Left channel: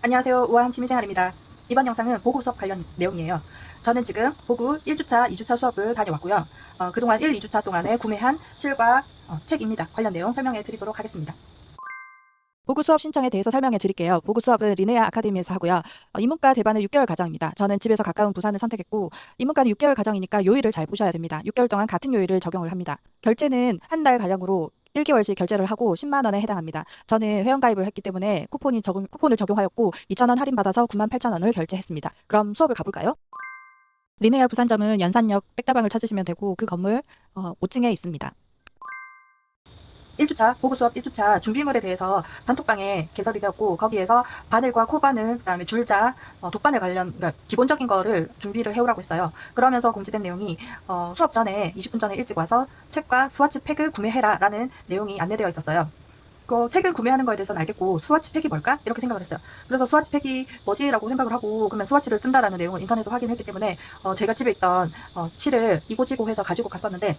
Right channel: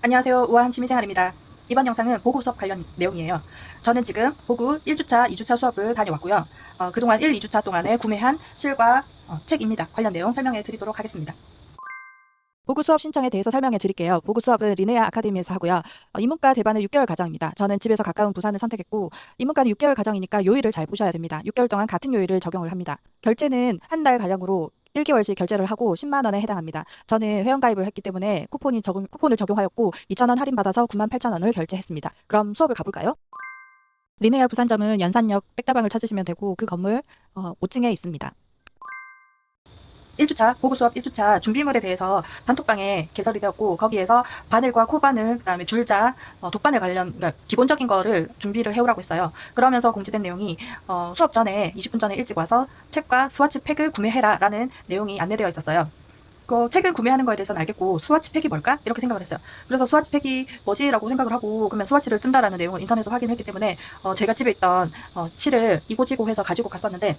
안녕하세요. 우아한 취미생활입니다. 이번 영상은 보고 수업 관련 내용이에요. 저는 지금 보고 1주차, 2주차 수업을 다녀왔고요. 그동안 1, 2주차 동안에 구매한 실과 책입니다. 관련 내용 설명해 드리도록 하겠습니다. 보고 수업 신청에 대해서 설명해 드릴게요. 보고 수업은 리네아 아카데미에서 하고요. 인문과 대반은 6개월 과정입니다. 저는 집에서 가까운 부산을 선택했고, 인문과는 6개월 과정이니까 요일을 잘 보셔야 됩니다. 6개월 동안 같은 요일을 적용을 합니다. 결제는 한 달 가량으로 1개월씩 결제를 하고 10만 원에 해당합니다. 저는 회원가입을 했기 때문에 쿠폰을 적용하였고 2,000원 할인받아서 98,000원을 결제했습니다. 그럼 수업을 가볼까요? 리네아 부산점은 연산역 백다방을 찾으시면 되고 그 건물 5층에 있습니다. 1주차, 보고 수업 1주차 준비물에 대해서 단톡방에 개설이 되었고, 거기에서 바늘과 코바늘, 그 다음에 줄자, 돗바늘 관련, 그러니까 기본적인 거를 준비를 해오라고 했어요. 그러면서 공지된 내용이, 수업 전에, 20분 전에 일찍 와서 책과 스와치 팩을 구매해라 라는 내용이 안내되어 있었어요. 그 책을 구매하는 거에 대해서는 알겠고, 스와치 팩이 뭘까? 이렇게 생각을 했어요. 그래서 스와치 팩이 뭐지라고 생각을 하고, 그러면 스와치를 뜬다라는 내용을 인터넷에서 확인했기 때문에, 제가 집에 있던 실을 이고지고 해서 가지고 갔었는데,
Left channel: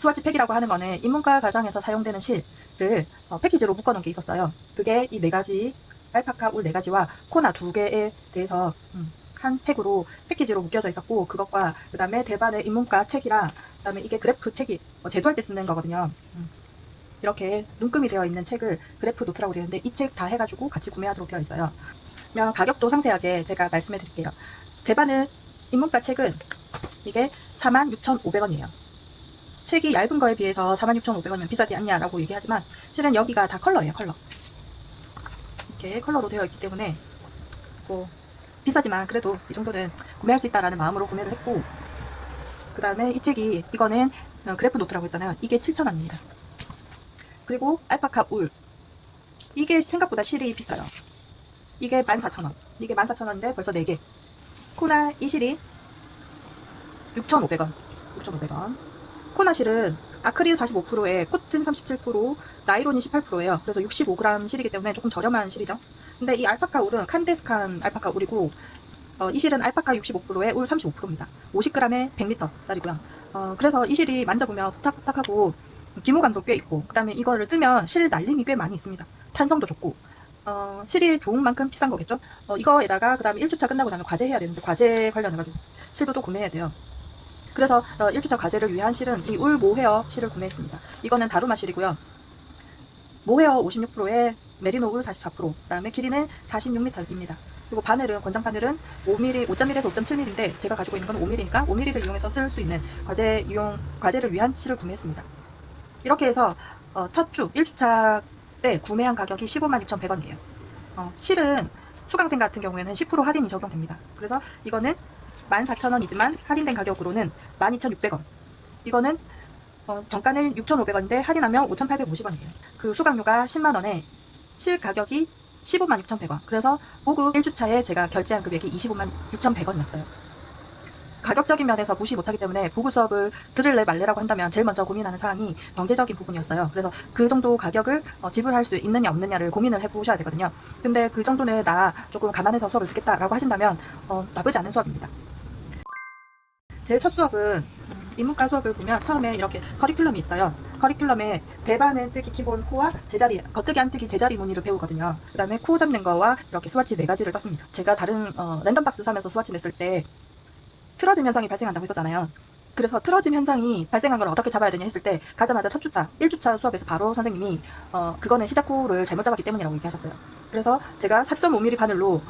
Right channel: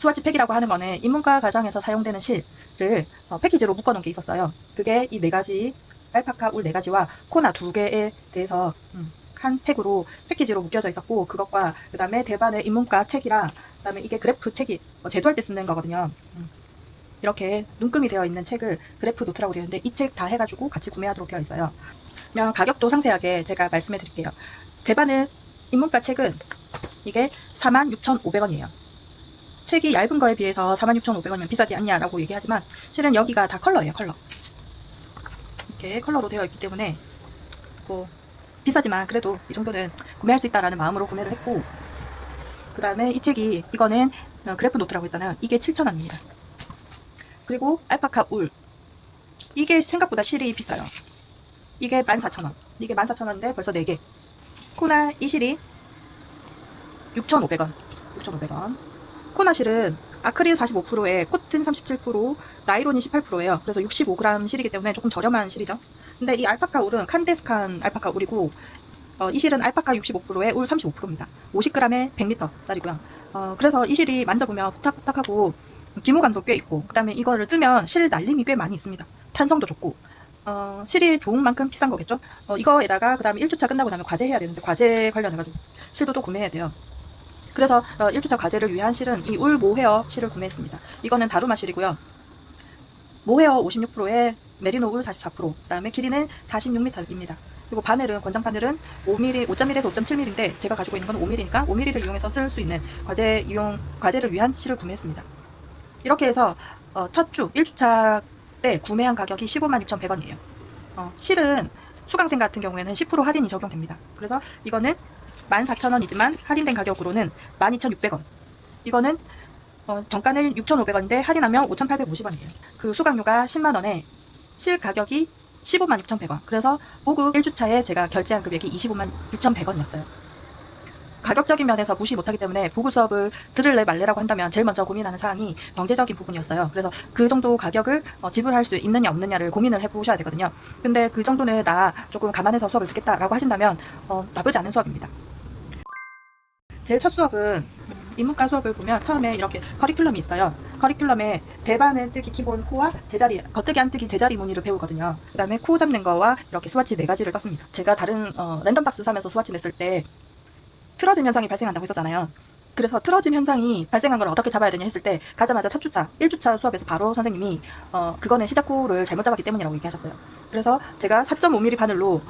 스와치 팩이라고 하는 거는 인문과 과정에서 사용되는 실을 패키지로 묶어놓은 게 있었어요. 그게 이 4가지, 알파카 울 4가지와 코나 2개에 대해서 한 팩으로 패키지로 묶여져 있었고, 그것과 그 다음에 대반의 인문과 책이랑, 그 다음에 이게 그래프 책이 제도할 때 쓰는 거거든요. 이렇게 눈금이 되어 있는 책을 그래프 노트라고 되어 있는데, 이 책 다 해가지고 같이 구매하도록 되어 있어요. 그냥 가격도 상세하게 제가 말씀해 드릴게요. 대반의 인문과 책은 이게 46,500원이에요. 책이 얇은 거에 비해서 46,500원이면 비싸지 않냐라고 얘기하지만, 실은 여기가 다 컬러예요. 컬러. 이렇게 컬러로 되어 있기 때문에 뭐 비싸지만 그래도 이 정도는 구매할 수 있다라는 마음으로 구매를 했고, 그 다음에 이 책이, 이거는 그래프 노트라고 했잖아요. 이게 7,000원입니다. 그리고 알파카 울, 이게 생각보다 실이 비싸요. 이게 14,000원. 이게 14,000원인데 벌써 4개. 코나 이 실이 6,500원. 6,500원. 코나실은 아크릴 45%에 코튼 37%, 나이론이 18%예요. 그래서 65g 실이기 때문에 조금 저렴한 실이죠. 근데 이 알파카 울은 칸데스칸 알파카 울이고, 이 실은 알파카 65%에 울 35%입니다. 50g에 100m짜리고요. 그래서 이 실이 만져보면 부탁부탁하고 기모감도 꽤 있고, 그 다음에 이거를 뜨면 실 날림이 꽤 많이 있습니다. 탄성도 좋고, 실이 좋은 만큼 비싼 거겠죠. 이거에다가 그 다음에 1주차 끝나고 나면 과제 해야 되는데, 과제 관련해가지고 실도 또 구매해야 돼요. 그래서 1주차 과제를 위한 실은 이 울 모헤어 실을 구매했습니다. 이거는 다루마 실이고요. 모헤어 56%에 메리노 울 44%, 그 다음에 길이는 46m입니다. 그리고 바늘은, 권장 바늘은 5mm, 5.1에서 5.7mm인데 제가 가지고 있는 건 5mm니까 5mm를 이용해서 쓸 수 있는 과제를 위한 실을 구매했습니다. 이렇게 해서 첫 주 1주차 때 구매한 가격이 156,100원이에요. 실은 수강생 같은 경우에는 10% 할인이 적용됩니다. 그래서 이거는 14,000원이지만 할인된 가격으로는 12,600원. 이거는 정가는 6,500원인데 할인하면 5,850원이에요. 그 수강료가 10만원에 실 가격이 156,100원. 그래서 보고 1주차에 제가 결제한 금액이 256,100원이었어요. 가격적인 면에서 무시 못하기 때문에 보고 수업을 들을래 말래라고 한다면 제일 먼저 고민하는 사항이 경제적인 부분이었어요. 그래서 그 정도 가격을 지불할 수 있느냐 없느냐를 고민을 해보셔야 되거든요. 근데 그 정도는 나 조금 감안해서 수업을 듣겠다라고 하신다면 나쁘지 않은 수업입니다. 제일 첫 수업은 인문과 수업을 보면 처음에 이렇게 커리큘럼이 있어요. 커리큘럼에 대반은 뜨기 기본 코와 제자리, 겉뜨기 안뜨기 제자리 무늬를 배우거든요. 그 다음에 코 잡는 거와 이렇게 스와치 4가지를 떴습니다. 제가 다른 랜덤박스 사면서 스와치 냈을 때 틀어짐 현상이 발생한다고 했었잖아요. 그래서 틀어짐 현상이 발생한 걸 어떻게 잡아야 되냐 했을 때, 가자마자 첫 주차 1주차 수업에서 바로 선생님이 그거는 시작코를 잘못 잡았기 때문이라고 얘기하셨어요. 그래서 제가 4.5mm 바늘로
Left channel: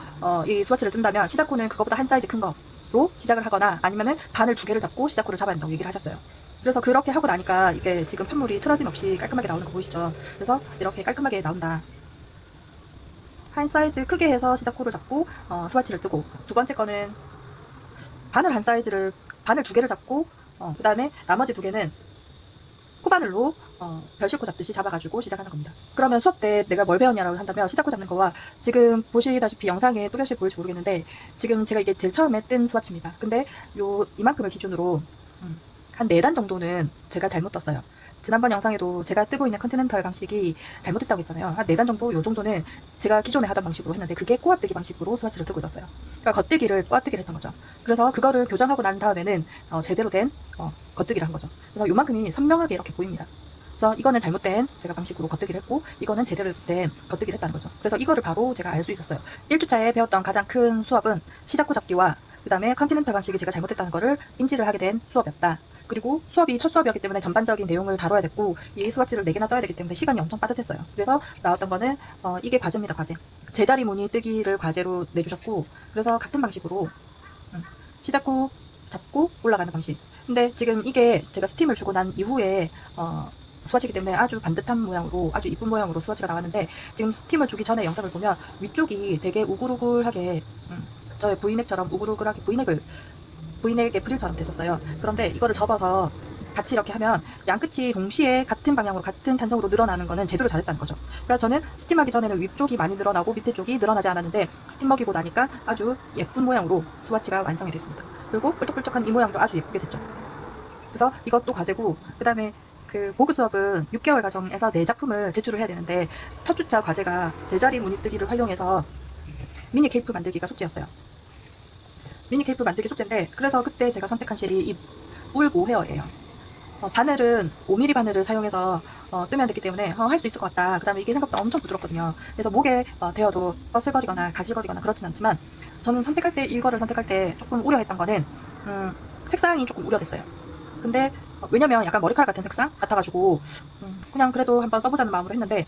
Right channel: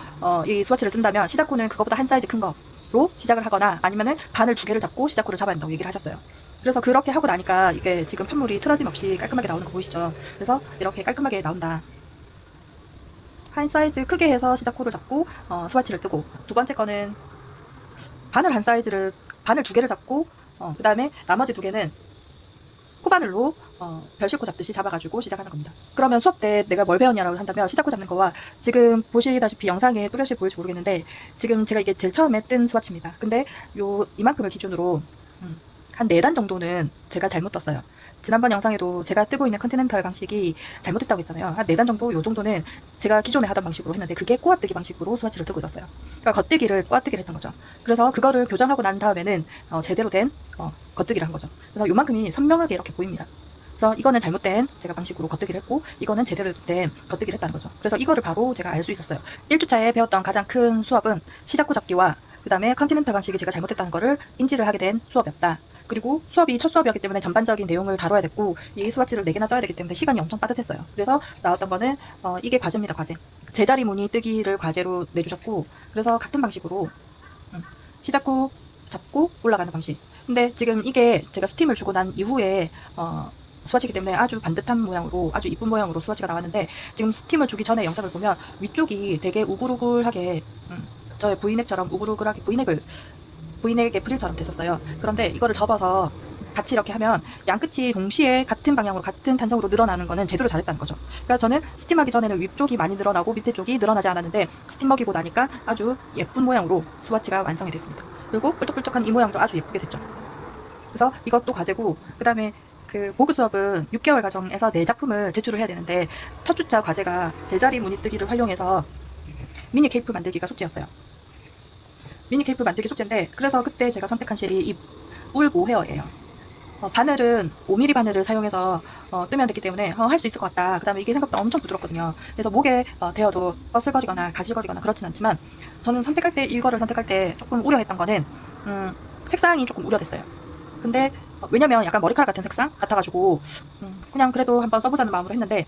이 스와치를 뜬다면 시작코는 그거보다 한 사이즈 큰 거로 시작을 하거나, 아니면은 바늘 2개를 잡고 시작코를 잡아야 된다고 얘기를 하셨어요. 그래서 그렇게 하고 나니까 이게 지금 판물이 틀어짐 없이 깔끔하게 나오는 거 보이시죠? 그래서 이렇게 깔끔하게 나온다. 한 사이즈 크게 해서 시작코를 잡고 스와치를 뜨고, 두 번째 거는 바늘 2개를 잡고, 그 다음에 나머지 2개는 코바늘로 별실코 잡듯이 잡아가지고 시작하는 겁니다. 그러면 수업 때 내가 뭘 배웠냐라고 한다면, 시작코 잡는 거와, 지금 보시다시피 영상에 뚜렷이 보일지 모르겠는데, 지금 제가 이게 제일 처음에 뜬 스와치입니다. 근데 이만큼을 기준으로 한 4단 정도는 제가 잘못 떴어요. 지난번 영상에도 제가 뜨고 있는 컨티넨탈 방식이 잘못됐다고 했잖아요. 한 4단 정도, 요 정도는 제가 기존에 하던 방식으로 했는데, 그게 꼬아뜨기 방식으로 스와치를 뜨고 있었어요. 그러니까 겉뜨기를 꼬아뜨기를 했던 거죠. 그래서 그거를 교정하고 난 다음에는 제대로 된 겉뜨기를 한 거죠. 그래서 요만큼이 선명하게 이렇게 보입니다. 그래서 이거는 잘못된 제가 방식으로 겉뜨기를 했고 이거는 제대로 된 겉뜨기를 했다는 거죠. 그래서 이거를 바로 제가 알 수 있었어요. 1주차에 배웠던 가장 큰 수업은 시작구 잡기와 그 다음에 컨티넨탈 방식이 제가 잘못됐다는 거를 인지를 하게 된 수업이었다. 그리고 수업이 첫 수업이었기 때문에 전반적인 내용을 다뤄야 됐고 이 수학지를 4개나 떠야 되기 때문에 시간이 엄청 빠듯했어요. 그래서 나왔던 거는 이게 과제입니다. 과제. 제자리 무늬 뜨기를 과제로 내주셨고 그래서 같은 방식으로 시작구 잡고 올라가는 방식. 근데 지금 이게 제가 스팀을 주고 난 이후에 수화지기 때문에 아주 반듯한 모양으로 아주 이쁜 모양으로 수화지가 나왔는데 지금 스팀을 주기 전에 영상을 보면 위쪽이 되게 우글우글하게 저의 V넥처럼 우글우글하게 V넥의 프릴처럼 됐었어요. 그런데 이거를 접어서 같이 이렇게 하면 양끝이 동시에 같은 방향으로 같은 탄성으로 늘어나는 거는 제대로 잘했다는 거죠. 그러니까 저는 스팀하기 전에는 위쪽이 많이 늘어나고 밑에 쪽이 늘어나지 않았는데 스팀 먹이고 나니까 아주 예쁜 모양으로 스와치가 완성이 됐습니다. 그리고 뿔떡뿔떡한 이 모양도 아주 예쁘게 됐죠. 그래서 이것도 과제고 그 다음에 그 보그 수업은 6개월 과정에서 4작품을 제출을 해야 되는데 첫 주차 과제가 제자리 무늬뜨기를 활용해서 미니 케이프 만들기가 숙제였어요. 미니 케이프 만들기 숙제인데 그래서 그때 제가 선택한 실이 이 울 모헤어예요. 바늘은 5mm 바늘을 사용해서 뜨면 되기 때문에 할 수 있을 것 같다. 그 다음에 이게 생각보다 엄청 부드럽거든요. 그래서 목에 대어도 뻐슬거리거나 가실거리거나 그렇진 않지만 저는 선택할 때 이거를 선택할 때 조금 우려했던 거는 색상이 조금 우려됐어요. 근데 왜냐면 약간 머리카락 같은 색상 같아가지고 그냥 그래도 한번 써보자는 마음으로 했는데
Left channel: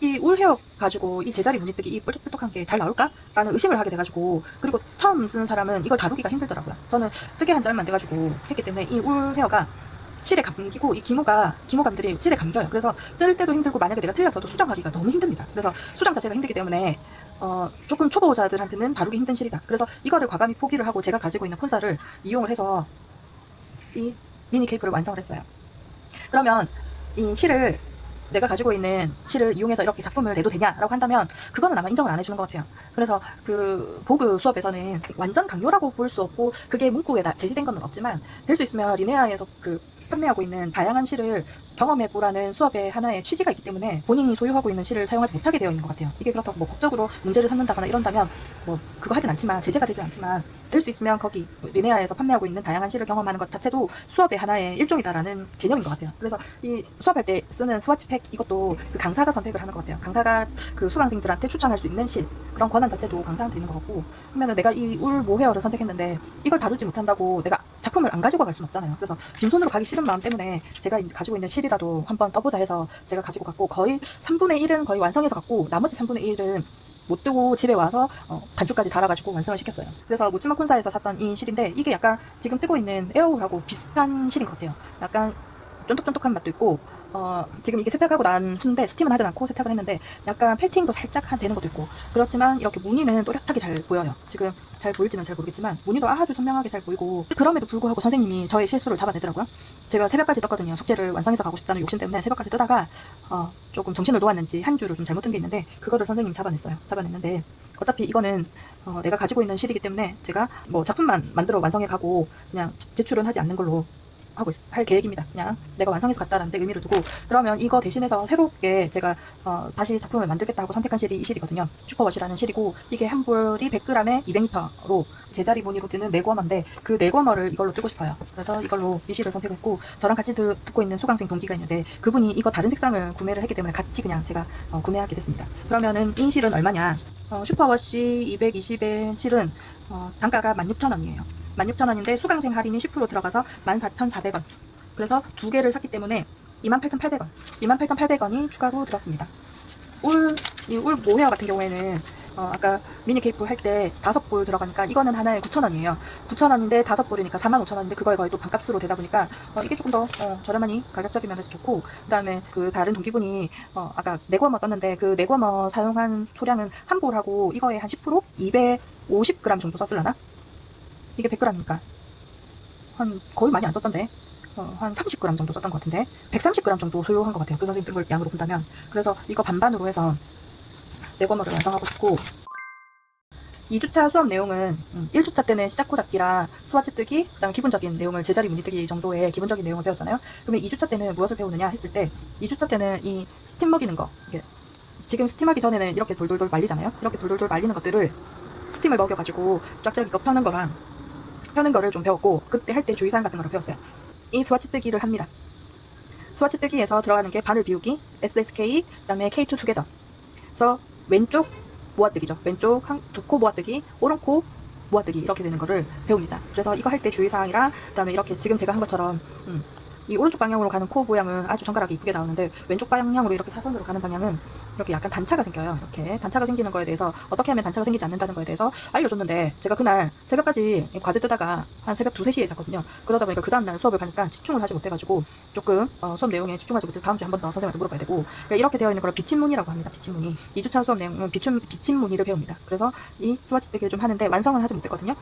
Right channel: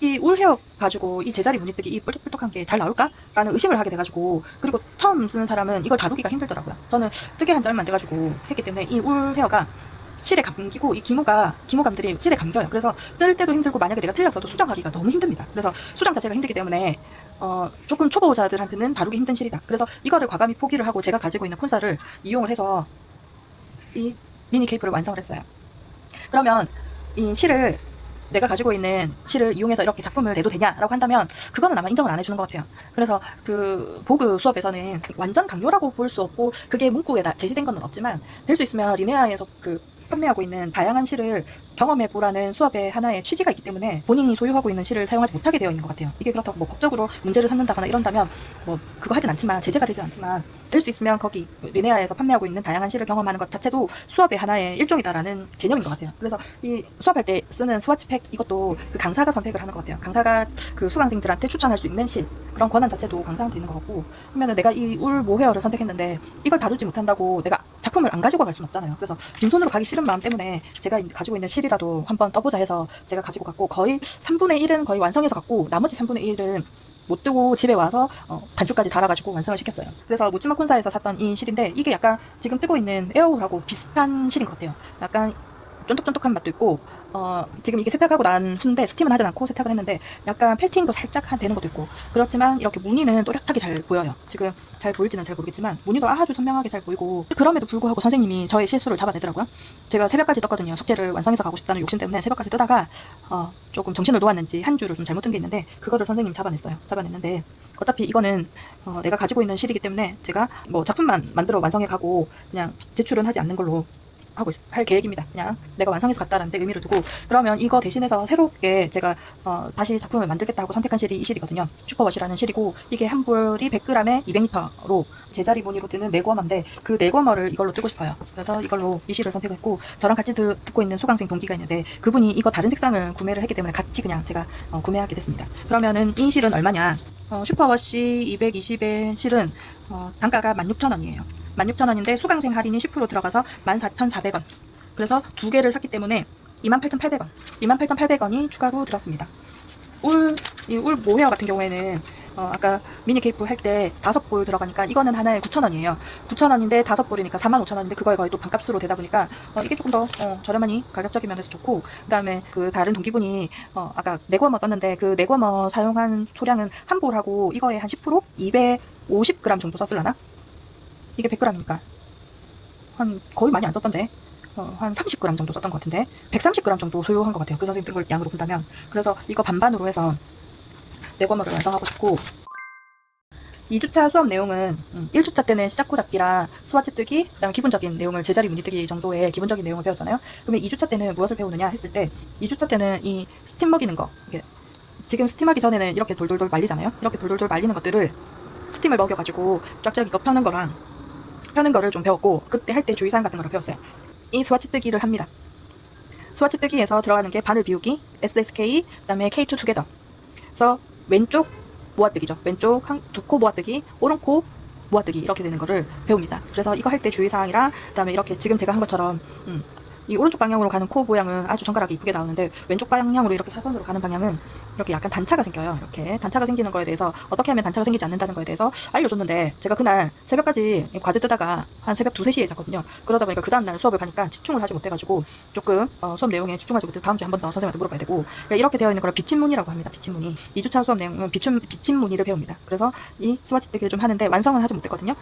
이 울 헤어 가지고 이 제자리 무늬뜨기 이 뿔떡뿔떡한 게 잘 나올까? 라는 의심을 하게 돼가지고 그리고 처음 쓰는 사람은 이걸 다루기가 힘들더라고요. 저는 뜨개 한 지 얼마 안 돼가지고 했기 때문에 이 울 헤어가 실에 감기고 이 기모감들이 실에 감겨요. 그래서 뜰 때도 힘들고 만약에 내가 틀렸어도 수정하기가 너무 힘듭니다. 그래서 수정 자체가 힘들기 때문에 조금 초보자들한테는 다루기 힘든 실이다. 그래서 이거를 과감히 포기를 하고 제가 가지고 있는 폰사를 이용을 해서 이 미니 케이프를 완성을 했어요. 그러면 이 실을 내가 가지고 있는 실을 이용해서 이렇게 작품을 내도 되냐라고 한다면 그거는 아마 인정을 안 해주는 것 같아요. 그래서 그 보그 수업에서는 완전 강요라고 볼 수 없고 그게 문구에 제시된 건 없지만 될 수 있으면 리네아에서 그 판매하고 있는 다양한 실을 경험해보라는 수업의 하나의 취지가 있기 때문에 본인이 소유하고 있는 실을 사용하지 못하게 되어 있는 것 같아요. 이게 그렇다고 뭐 법적으로 문제를 삼는다거나 이런다면 뭐 그거 하진 않지만 제재가 되지 않지만 될 수 있으면 거기 리네아에서 판매하고 있는 다양한 실을 경험하는 것 자체도 수업의 하나의 일종이다라는 개념인 것 같아요. 그래서 이 수업할 때 쓰는 스와치 팩 이것도 그 강사가 선택을 하는 것 같아요. 강사가 그 수강생들한테 추천할 수 있는 실 그런 권한 자체도 강사한테 있는 것 같고 그러면은 내가 이 울 모헤어를 선택했는데 이걸 다루지 못한다고 내가 작품을 안 가지고 갈 수는 없잖아요. 그래서 빈손으로 가기 싫은 마음 때문에 제가 가지고 있는 실이라도 한번 떠보자 해서 제가 가지고 갔고 거의 3분의 1은 거의 완성해서 갔고 나머지 3분의 1은 못 뜨고 집에 와서 단추까지 달아가지고 완성을 시켰어요. 그래서 무츠마 콘사에서 샀던 이 실인데 이게 약간 지금 뜨고 있는 에어울하고 비슷한 실인 것 같아요. 약간 쫀득쫀득한 맛도 있고 지금 이게 세탁하고 난 후인데 스팀은 하진 않고 세탁을 했는데 약간 펠팅도 살짝 되는 것도 있고 그렇지만 이렇게 무늬는 또렷하게 잘 보여요. 지금 잘 보일지는 잘 모르겠지만 무늬도 아주 선명하게 잘 보이고 그럼에도 불구하고 선생님이 저의 실수를 잡아내더라고요. 제가 새벽까지 떴거든요. 숙제를 완성해서 가고 싶다는 욕심 때문에 새벽까지 뜨다가 조금 정신을 놓았는지 한 줄을 좀 잘못 뜬 게 있는데 그거를 선생님이 잡아냈는데 어차피 이거는 내가 가지고 있는 실이기 때문에 제가 뭐 작품만 만들어 완성해 가고 그냥 제출은 하지 않는 걸로 할 계획입니다. 그냥 내가 완성해서 갔다는 데 의미를 두고 그러면 이거 대신해서 새롭게 제가 다시 작품을 만들겠다고 선택한 실이 이 실이거든요. 슈퍼워시라는 실이고 이게 한 볼이 100g에 200m로 제자리 무늬로 뜨는 네궈머인데 그 네궈머를 이걸로 뜨고 싶어요. 그래서 이걸로 이 실을 선택했고 저랑 같이 듣고 있는 수강생 동기가 있는데 그분이 이거 다른 색상을 구매를 했기 때문에 같이 그냥 제가 구매하게 됐습니다. 그러면은 이 실은 얼마냐? 슈퍼워시 220의 실은 단가가 16,000원이에요. 16,000원인데 수강생 할인이 10% 들어가서 14,400원. 그래서 두 개를 샀기 때문에 28,800원. 28,800원이 추가로 들었습니다. 이 울 모헤어 같은 경우에는 아까 미니 케이프 할 때 5볼 들어가니까 이거는 하나에 9,000원이에요. 9,000원인데 5볼이니까 45,000원인데 그거에 거의 또 반값으로 되다 보니까 이게 조금 더 저렴하니 가격적인 면에서 좋고 그 다음에 그 다른 동기분이 아까 네궈머 떴는데 그 네궈머 사용한 소량은 한 볼하고 이거에 한 10% 250g 정도 썼을라나? 이게 100g이니까 한 거의 많이 안 썼던데 한 30g 정도 썼던 것 같은데 130g 정도 소요한 것 같아요. 그 선생님 뜬 걸 양으로 본다면. 그래서 이거 반반으로 해서 네궈머를 완성하고 싶고 2주차 수업 내용은 1주차 때는 시작구 잡기랑 수화지 뜨기 그 다음 기본적인 내용을 제자리 무늬 뜨기 정도의 기본적인 내용을 배웠잖아요. 그러면 2주차 때는 무엇을 배우느냐 했을 때 2주차 때는 이 스팀 먹이는 거 이게 지금 스팀하기 전에는 이렇게 돌돌돌 말리잖아요. 이렇게 돌돌돌 말리는 것들을 스팀을 먹여가지고 쫙쫙 이거 펴는 거를 좀 배웠고 그때 할 때 주의사항 같은 거를 배웠어요. 이 수화치 뜨기를 합니다. 스와치 뜨기에서 들어가는 게 바늘 비우기, SSK, 그다음에 K2 투게더. 그래서 왼쪽 모아뜨기죠. 왼쪽 두 코 모아뜨기, 오른코 모아뜨기 이렇게 되는 거를 배웁니다. 그래서 이거 할 때 주의사항이랑 그다음에 이렇게 지금 제가 한 것처럼 이 오른쪽 방향으로 가는 코 모양은 아주 정갈하게 이쁘게 나오는데 왼쪽 방향으로 이렇게 사선으로 가는 방향은 이렇게 약간 단차가 생겨요. 이렇게 단차가 생기는 거에 대해서 어떻게 하면 단차가 생기지 않는다는 거에 대해서 알려줬는데 제가 그날 새벽까지 과제 뜨다가 한 새벽 2, 3시에 잤거든요. 그러다 보니까 그 다음날 수업을 가니까 집중을 하지 못해가지고 조금 수업 내용에 집중하지 못해서 다음 주에 한 번 더 선생님한테 물어봐야 되고 이렇게 되어 있는 걸 비침무늬라고 합니다. 비침무늬. 2주차 수업 내용은 비침무늬를 배웁니다. 그래서 이 스와치 뜨기를 좀 하는데 완성은 하지 못했거든요.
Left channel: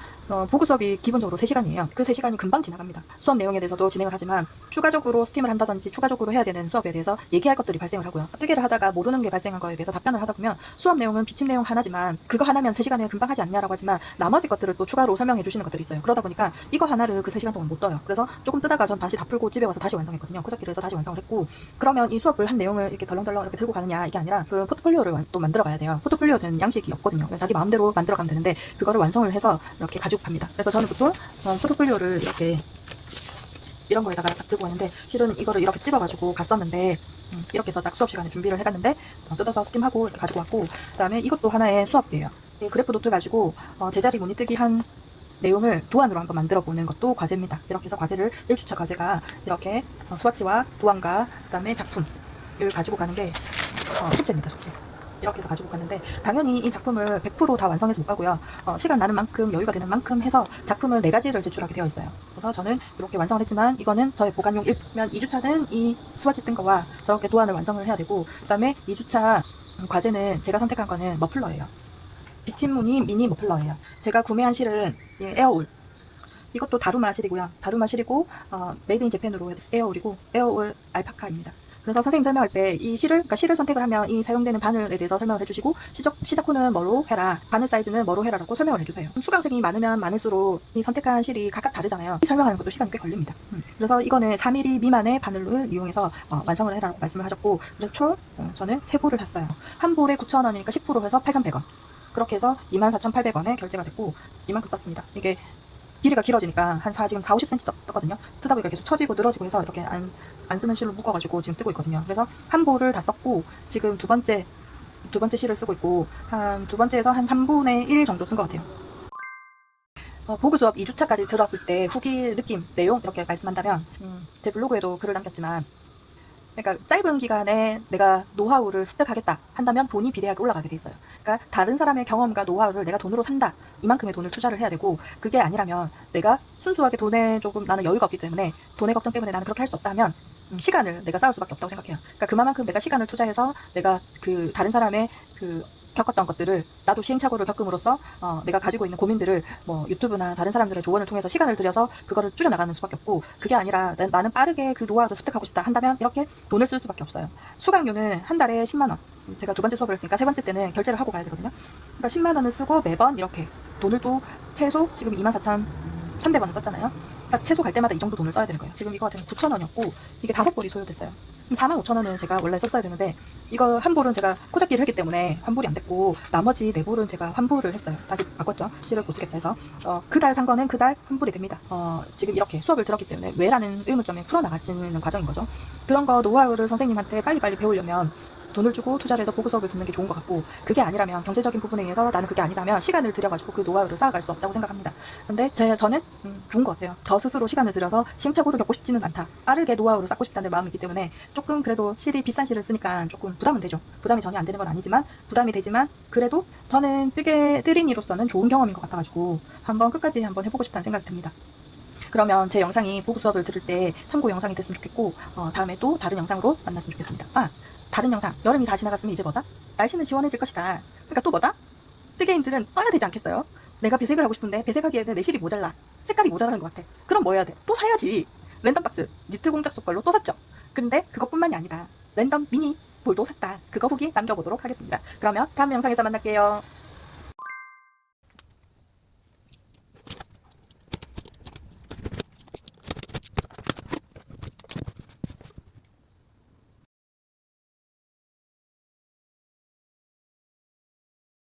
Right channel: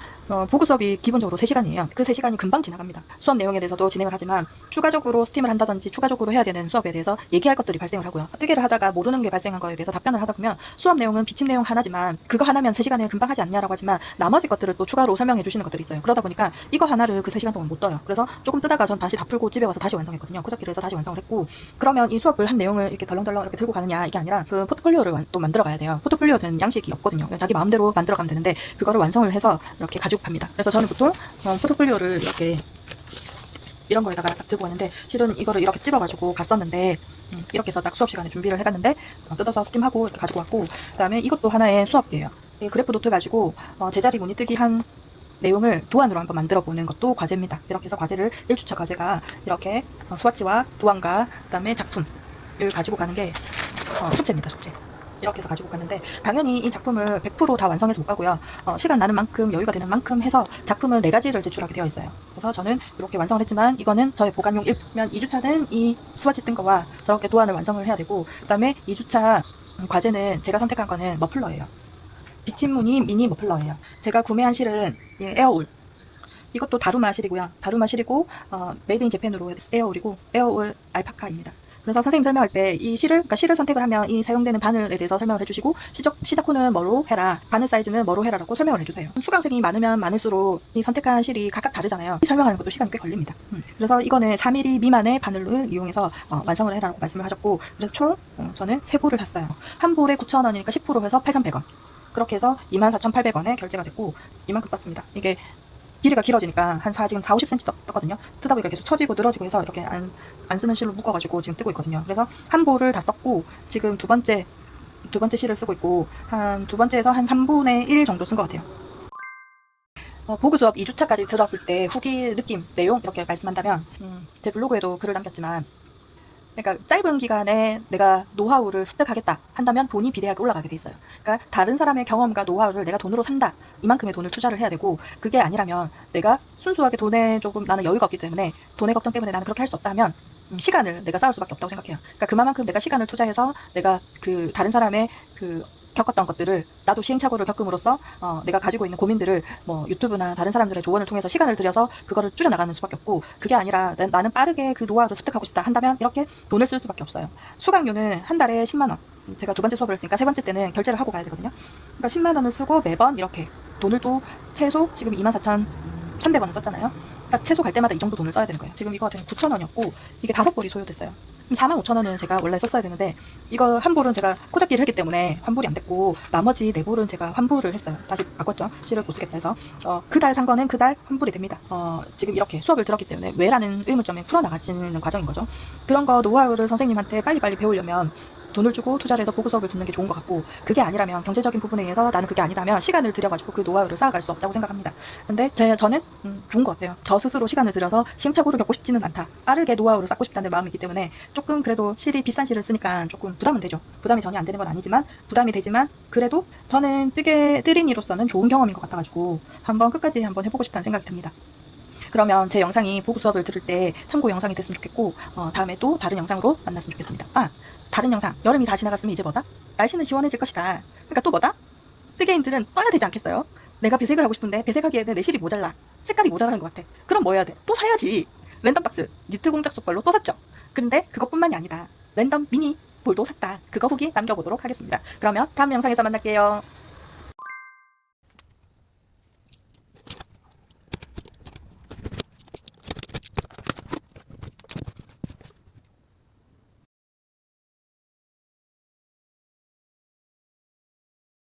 보고 수업이 기본적으로 3시간이에요. 그 3시간이 금방 지나갑니다. 수업 내용에 대해서도 진행을 하지만 추가적으로 스팀을 한다든지 추가적으로 해야 되는 수업에 대해서 얘기할 것들이 발생을 하고요. 뜨기를 하다가 모르는 게 발생한 거에 대해서 답변을 하다 보면 수업 내용은 비침 내용 하나지만 그거 하나면 3시간에 금방 하지 않냐라고 하지만 나머지 것들을 또 추가로 설명해 주시는 것들이 있어요. 그러다 보니까 이거 하나를 그 3시간 동안 못 떠요. 그래서 조금 뜨다가 전 다시 다 풀고 집에 와서 다시 완성했거든요. 코적기를 해서 다시 완성을 했고 그러면 이 수업을 한 내용을 이렇게 덜렁덜렁 이렇게 들고 가느냐 이게 아니라 그 포트폴리오를 또 만들어 가야 돼요. 포트폴리오는 양식이 없거든요. 자기 마음대로 만들어 가면 되는데 그거를 완성을 해서 이렇게 가지고 갑니다. 그래서 저는 보통 포트폴리오를 이렇게 이런 거에다가 딱 들고 왔는데 실은 이거를 이렇게 찍어가지고 갔었는데 이렇게 해서 딱 수업 시간에 준비를 해갔는데 뜯어서 스팀하고 이렇게 가지고 왔고 그 다음에 이것도 하나의 수업이에요. 이 그래프 노트 가지고 제자리 무늬 뜨기 한 내용을 도안으로 한번 만들어 보는 것도 과제입니다. 이렇게 해서 과제를 1주차 과제가 이렇게 스와치와 도안과 그 다음에 작품을 가지고 가는 게 숙제입니다. 숙제. 이렇게 해서 가지고 갔는데 당연히 이 작품을 100% 다 완성해서 못 가고요. 시간 나는 만큼 여유가 되는 만큼 해서 작품은 4가지를 제출하게 되어 있어요. 그래서 저는 이렇게 완성을 했지만 이거는 저의 보관용 1면 2주차는 이 스와치 뜬 거와 저렇게 도안을 완성을 해야 되고 그 다음에 2주차 과제는 제가 선택한 거는 머플러예요. 비침무늬 미니 머플러예요. 제가 구매한 실은 에어울. 이것도 다루마 실이고요. 다루마 실이고 메이드 인 재팬으로 에어울이고 에어울 알파카입니다. 그래서 선생님 설명할 때 이 실을, 그러니까 실을 선택을 하면 이 사용되는 바늘에 대해서 설명을 해주시고 시작호는 뭐로 해라, 바늘 사이즈는 뭐로 해라라고 설명을 해주세요. 수강생이 많으면 많을수록 이 선택한 실이 각각 다르잖아요. 설명하는 것도 시간이 꽤 걸립니다. 그래서 이거는 4mm 미만의 바늘을 이용해서 완성을 해라고 말씀을 하셨고 그래서 총 저는 3볼을 샀어요. 한 볼에 9,000원이니까 10% 해서 8,100원. 그렇게 해서 24,800원에 결제가 됐고 이만큼 떴습니다. 이게 길이가 길어지니까 지금 4, 50cm 떴거든요. 뜨다 보니까 계속 처지고 늘어지고 해서 이렇게 안 쓰는 실로 묶어가지고 지금 뜨고 있거든요. 그래서 한 볼을 다 썼고 지금 두 번째 실을 쓰고 있고 한 두 번째에서 한 3분의 1 정도 쓴 것 같아요. 보그 수업 2주차까지 들었을 때 후기 느낌, 내용 이렇게 말씀한다면 제 블로그에도 글을 남겼지만 그러니까 짧은 기간에 내가 노하우를 습득하겠다 한다면 돈이 비대하게 올라가게 돼 있어요. 그러니까 다른 사람의 경험과 노하우를 내가 돈으로 산다. 이만큼의 돈을 투자를 해야 되고 그게 아니라면 내가 순수하게 돈에 조금 나는 여유가 없기 때문에 돈의 걱정 때문에 나는 그렇게 할 수 없다 하면 시간을 내가 쌓을 수밖에 없다고 생각해요. 그러니까 그만큼 내가 시간을 투자해서 내가 그 다른 사람의 그 겪었던 것들을 나도 시행착오를 겪음으로써 내가 가지고 있는 고민들을 뭐 유튜브나 다른 사람들의 조언을 통해서 시간을 들여서 그거를 줄여나가는 수밖에 없고 그게 아니라 나는 빠르게 그 노하우를 습득하고 싶다 한다면 이렇게 돈을 쓸 수밖에 없어요. 수강료는 한 달에 10만원. 제가 두 번째 수업을 했으니까 세 번째 때는 결제를 하고 가야 되거든요. 그러니까 10만원을 쓰고 매번 이렇게 돈을 또 최소 지금 24,300원을 썼잖아요. 그러니까 최소 갈 때마다 이 정도 돈을 써야 되는 거예요. 지금 이거 같은 9,000원이었고 이게 5볼이 소요됐어요. 45,000원은 제가 원래 썼어야 되는데 이거 한 볼은 제가 코잡기를 했기 때문에 환불이 안 됐고 나머지 4볼은 제가 환불을 했어요. 다시 바꿨죠. 실을 못 쓰겠다 해서 그달 산 거는 그달 환불이 됩니다. 지금 이렇게 수업을 들었기 때문에 왜라는 의문점에 풀어나가지는 과정인 거죠. 그런 거 노하우를 선생님한테 빨리빨리 배우려면 돈을 주고 투자를 해서 보고 수업을 듣는 게 좋은 것 같고 그게 아니라면 경제적인 부분에 의해서 나는 그게 아니라면 시간을 들여가지고 그 노하우를 쌓아갈 수 없다고 생각합니다. 근데 저는 좋은 것 같아요. 저 스스로 시간을 들여서 시행착오를 겪고 싶지는 않다. 빠르게 노하우를 쌓고 싶다는 마음이기 때문에 조금 그래도 실이 비싼 실을 쓰니까 조금 부담은 되죠. 부담이 전혀 안 되는 건 아니지만 부담이 되지만 그래도 저는 뜨린이로서는 좋은 경험인 것 같아가지고 한번 끝까지 한번 해보고 싶다는 생각이 듭니다. 그러면 제 영상이 보고 수업을 들을 때 참고 영상이 됐으면 좋겠고 다음에 또 다른 영상으로 만났으면 좋겠습니다. 다른 영상, 여름이 다 지나갔으면 이제 뭐다? 날씨는 시원해질 것이다. 그러니까 또 뭐다? 뜨개인들은 떠야 되지 않겠어요? 내가 배색을 하고 싶은데 배색하기에는 내 실이 모자라. 색깔이 모자라는 것 같아. 그럼 뭐 해야 돼? 또 사야지. 랜덤박스, 니트 공작 속걸로 또 샀죠. 근데 그것뿐만이 아니다. 랜덤 미니 볼도 샀다. 그거 후기 남겨보도록 하겠습니다. 그러면 다음 영상에서 만날게요.